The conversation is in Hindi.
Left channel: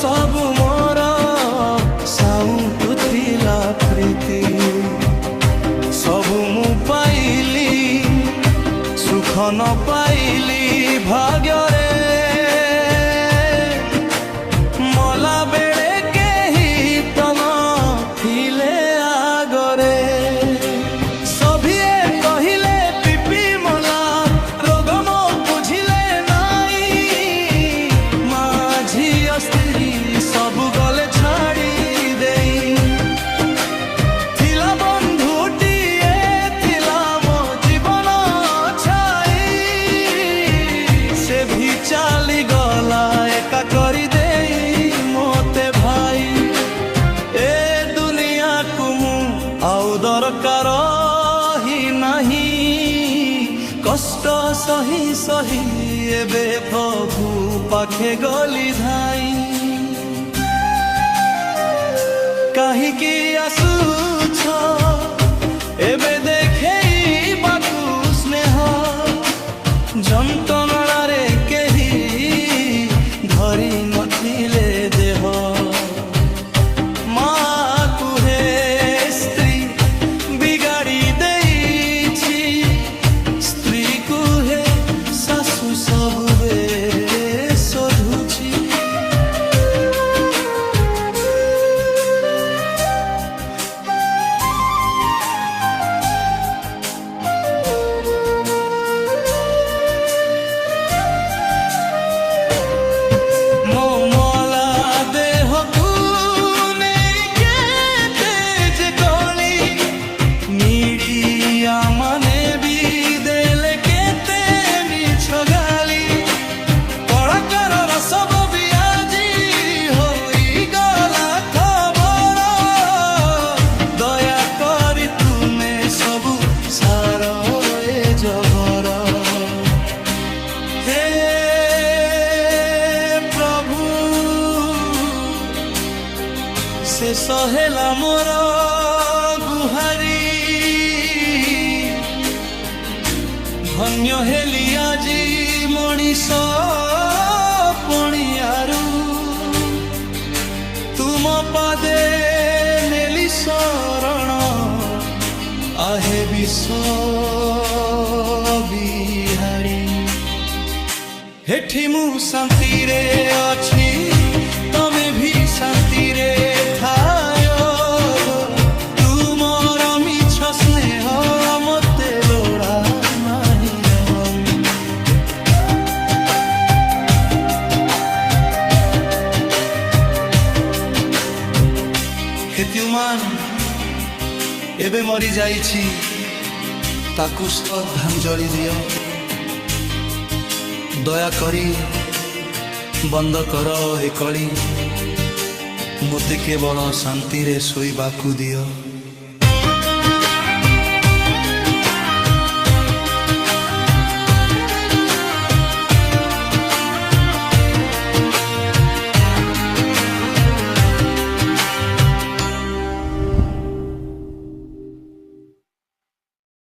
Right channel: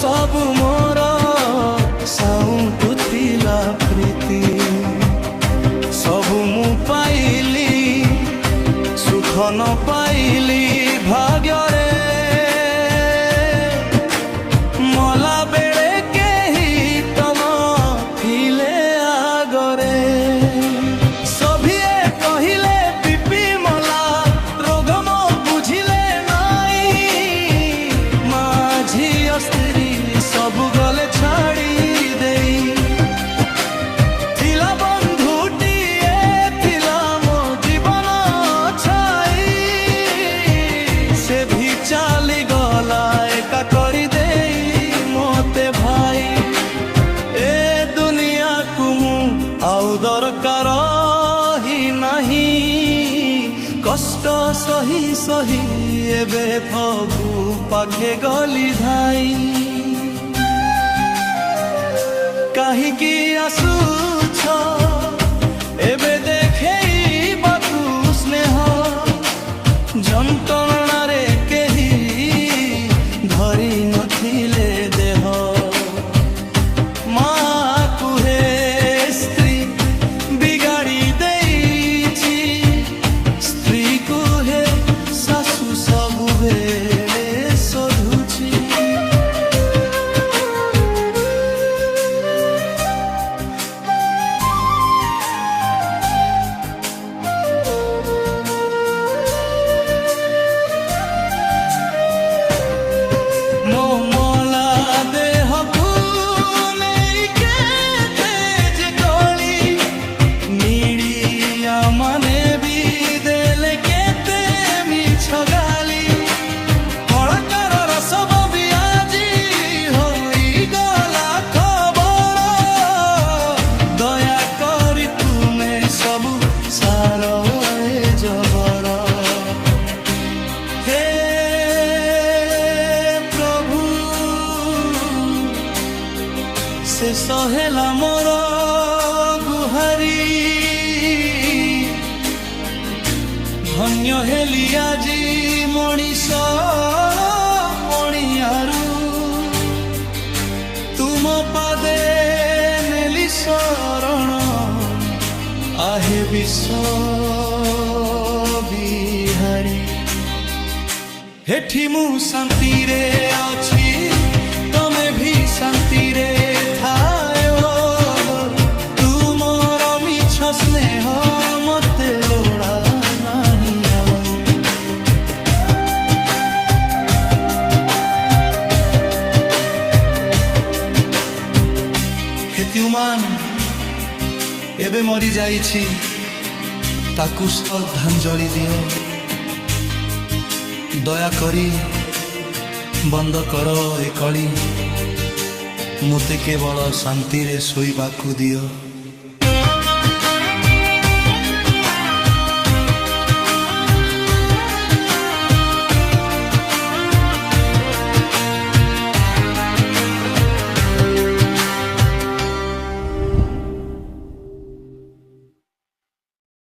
सबु मोर साउंटुथिला प्रीति सबु मु पाइली सुख न पाइली भाग्य रे मला बेड़े केही तो नथिले आगरे सभिए कहिले पिपी मला रोग मो बुझिले नाई माझी स्त्री सबु गले छाड़ी देई थिला बंधुटीए थिला मो जीवन छाई से भी चाली गला एका करी देई मोते भाई ए दुनिया को मु आउ दरकार ही नहीं कष्ट सही सही एबे फगु पाखे गली धाई काहीकि आसुछ एबे देखेई बाकु स्नेह जंतणा रे केही धरी नथिले देह माँ कुहे स्त्री बिगाड़ी देइछि स्त्री कुहे सासु सबु बेले शोधुछि मो मोला देह को नहीं केते जे कोली मीडिया माने भी देले केते मिछ गाली कलाकार सब भी आजी होई गला खबर दया करी तुमे सबु सार ए जबर हे से सहेला मोर गुहारी धन्य हेली आजी मनीष पणियारू तुम पादे नेली शरण आहे विश्व बिहारी हेठी मु शांति रे अछि तमे भी शांति रे थायो तुमर मिछ स्नेह मते लोड़ा नाही आवाऊ हेत्युमान एबे मरी जाइछि ताकु श्रद्धांजलि दियो दया करी बंद कर ए कली मोते केवल शांति रे सोइबाकु दियो।